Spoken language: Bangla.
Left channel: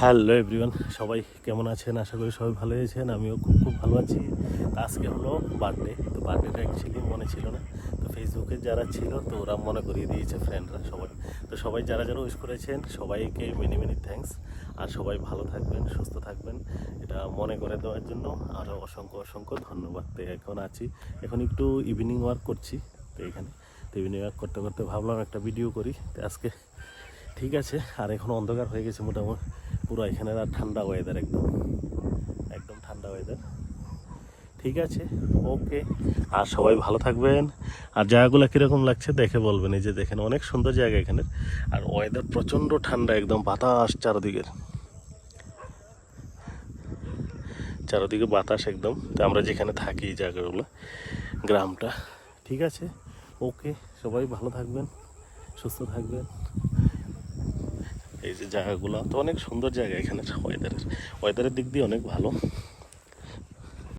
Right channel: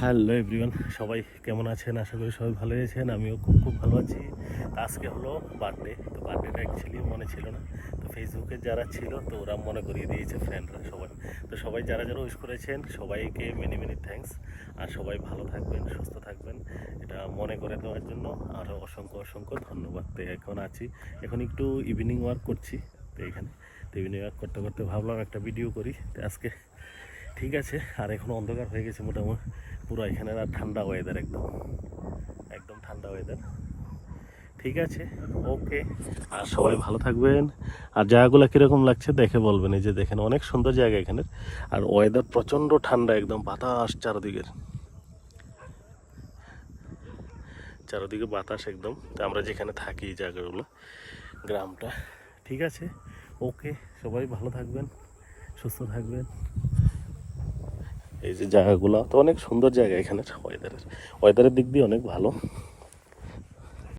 হ্যালো এভরিওয়ান, সবাই কেমন আছেন? আশা করি সবাই ভালো আছেন। আমিও খুব ভালো আছি। তো আজকে হলো বার্থডে। তো বার্থডেটা অ্যাকচুয়ালি মনে ছিল না, তো ফেসবুকে যারা ছিল তো ওরা মনে করিয়ে দিয়েছে, ফ্রেন্ডরা সবাই। তো সবাই যারা যারা উইশ করেছেন সবাইকে মেনি মেনি থ্যাঙ্কস। আর সবাই ভালো থাকবেন, সুস্থ থাকবেন, এটা মনে করে দেওয়ার জন্য আরও অসংখ্য অসংখ্য ধন্যবাদ। তো এখন আছি, এখন একটু ইভিনিং ওয়ার্ক করছি তো এখানে। তো ইভিনিং ওয়ার্ক করতে করতে ভাবলাম একটা ভিডিও করি। তো আজকে ঠিক আছে, আর এখন অন্ধকার হয়ে গেছে মোটামুটি পুরো এখানে। আর ঠান্ডা ওয়েদার, একদম একদম ঠান্ডা ওয়েদার। ঠিক আছে, ওকে। আর সবাই ভালো থাকবেন। আর জায়গাগুলো কীরকম লাগছে দেখে বলবেন। এই যে দেখেন, অনেক সুন্দর জায়গা এখানে। আর ওয়েদার প্রচণ্ড ঠান্ডা, একদম বাতাস চারদিকে বাতাস একদম। তো আমরা যেখানে থাকি এই জায়গাগুলো, গ্রামটা। ঠিক আছে, ওকে। সবাই ভালো থাকবেন, সুস্থ থাকবেন। এই যে জায়গাগুলো তো অনেক সুন্দর জায়গা এখানে। ওয়েদারের দিক দিয়ে অনেক ভালো।